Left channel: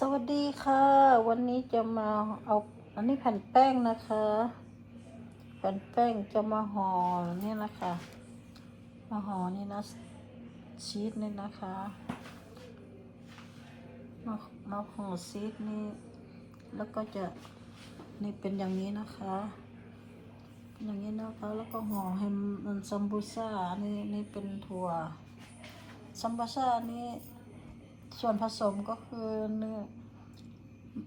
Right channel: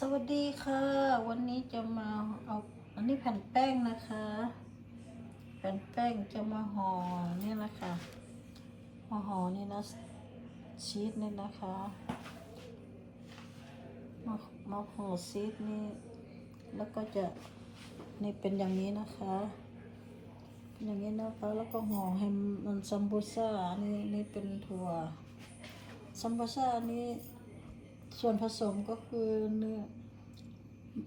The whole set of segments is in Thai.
สวัสดีค่ะ วันนี้จะมาเอาอันนี้แผ่นแป้งนะคะ แผ่นแป้งจะมาห่อเนี่ยนะคะ มาห่อนี่นะชีสนี่นะคะ มามาห่อชีสนี่แล้วก็จะนี่เป็นอย่างนี้นะคะ อย่างนี้นะคะแล้วก็ห่อให้มันซัมบูซ่านี่นี่เป็นถั่วซัมบูซ่านี่ ส่วนผสมก็คือเนื้อ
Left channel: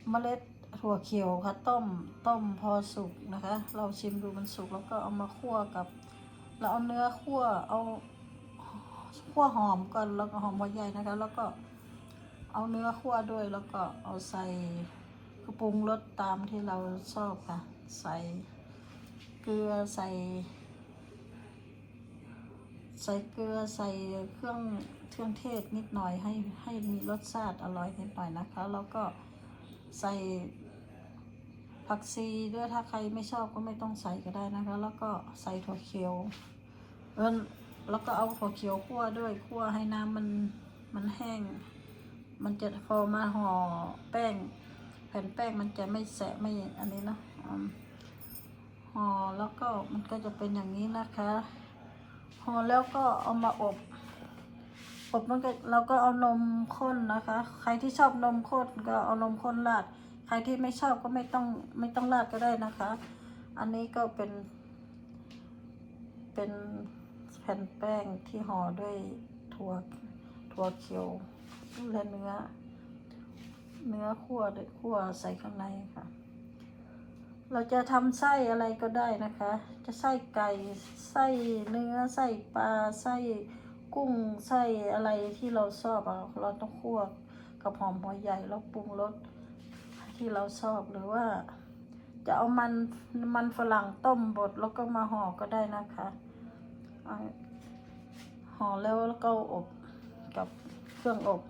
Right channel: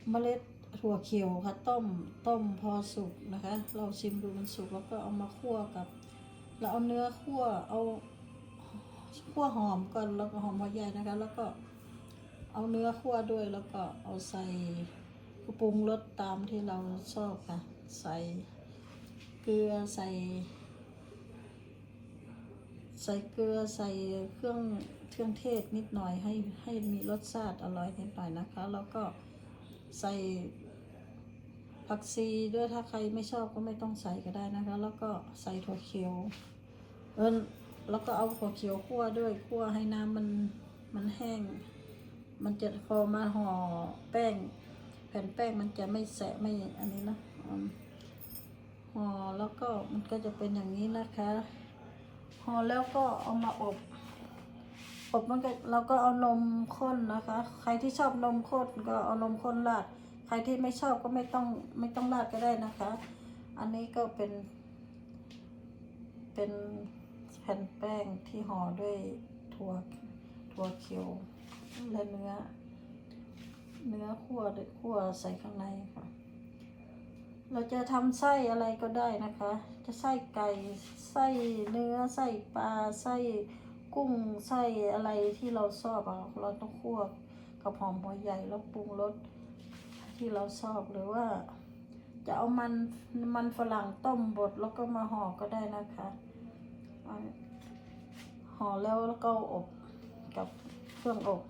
เมล็ดถั่วเขียวค่ะ ต้มต้มพอสุกนะคะ เราชิมดูมันสุกแล้วก็เอามาคั่วกับ เราเอาเนื้อคั่วเอาคั่วหอมก่อนแล้วก็หอมหัวใหญ่นะคะ แล้วก็เอาเนื้อคั่วด้วยแล้วก็เอาใส่กระปรุงรสตามที่เราชอบค่ะ ใส่เกลือใส่ ใส่เกลือใส่เครื่องเครื่องเทศนิดหน่อยให้ให้มีรสชาติอร่อยนิดหน่อยนะคะ แล้วก็ใส่ผักชีด้วยถ้าใครไม่ชอบก็ไม่ต้องใส่ก็ได้นะคะ แล้วก็ใส่ถั่วเขียวแล้วก็เอาถั่วเขียวคั่วด้วยคั่วให้น้ำมันมันแห้ง มันจะพอมาห่อแป้ง แผ่นแป้งมันจะไม่แสะไม่อันนี้นะห่อแล้วก็มันก็จะเป็นอย่างนี้นะคะ อแล้วก็เอามาอบ อบมันก็เราก็เอานมข้นนะคะ ใครที่ชอบนมข้นก็เอานมข้นราด ใครที่ไม่ชอบก็ไม่ต้องไม่ต้องราดก็ได้นะคะ อันนี้ก็เป็น เป็นแผ่นแป้งที่ห่อด้วยถั่วถั่วเขียวและเนื้อ เนื้อคั่วด้วยคั่วใส่ข้างในค่ะ เราจะทำไส้อะไรก็ได้นะคะ จะไส้ไก่ไส้เนื้อไส้ปลาไส้กุ้งไส้อะไรที่เราชอบเราต้องคั่วกับหอมหัวใหญ่แล้วปรุงรสที่เราชอบหรือว่า จะเอามันมันฝรั่งต้มบดแล้วก็มาห่อก็ได้นะคะเอาห่อแล้วก็อบกับเครื่องอบ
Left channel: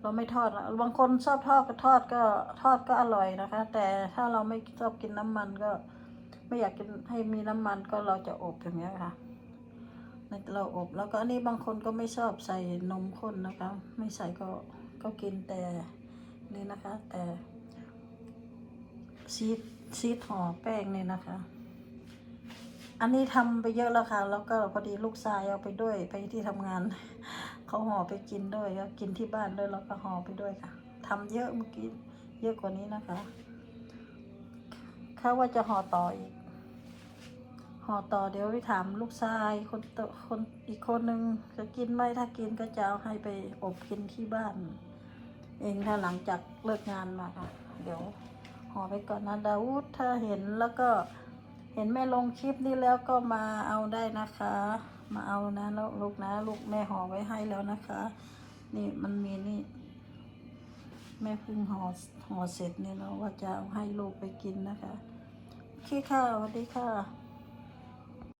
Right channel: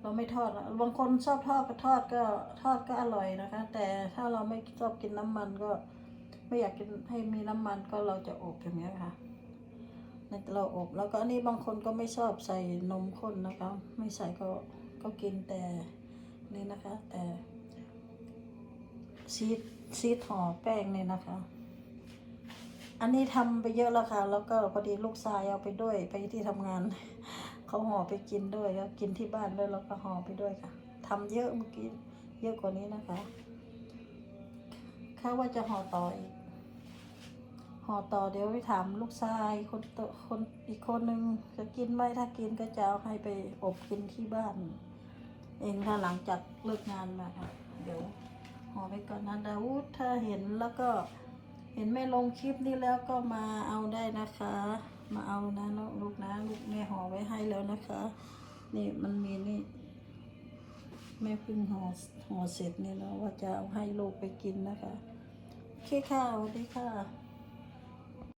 เราไม่ทอดนะบางคนชอบทอดก็ทอดก็ทอดก็อร่อยนะคะ แต่ถ้าเราไม่ชอบกินน้ำมันก็ ไม่อยากกินให้มีน้ำมันก็เราจะอบอย่างเงี้ยค่ะในเราอบแล้วก็อันนี้บางคนก็ไม่ชอบใส่นมข้นนะคะ ไม่ใส่ก็ก็กินแต่นี่นะคะ แต่ชีสชีสห่อแป้งเนี่ยนะคะ อันนี้ทำไปเยอะแล้วค่ะ แล้วก็พอดีลูกชายเอาไปด้วยไปที่ทำงาน เขาห่อไปกินด้วยครับกินที่บ้านด้วยแล้วก็ห่อไปด้วยค่ะทำเยอะเมื่อกี้เยอะกว่านี้นะคะเขาว่าจะห่อต่ออีกห่อต่อเดี๋ยวไปถามลูกชายคนคนอีกคนนึงจะกินไหมถ้ากินก็จะเอาให้ไปอบกินที่บ้าน เองถ้าหลังจากเลิกงานมาค่ะ เดี๋ยวห่อไปก่อนนะดาวุฒถ้าเห็นแล้วก็ เห็นแม่ลงคลิปนี้แล้วก็มาเอาได้นะคะ มาเอานะลูกนะลูกแม่ห่อไว้ให้แล้วนะคะ นี่มันมีนี่แม่เพิ่งห่อห่อเสร็จเนี่ยเนาะว่าจะเอาให้ลูกไปกินนะคะโอเคค่ะสวัสดีค่ะ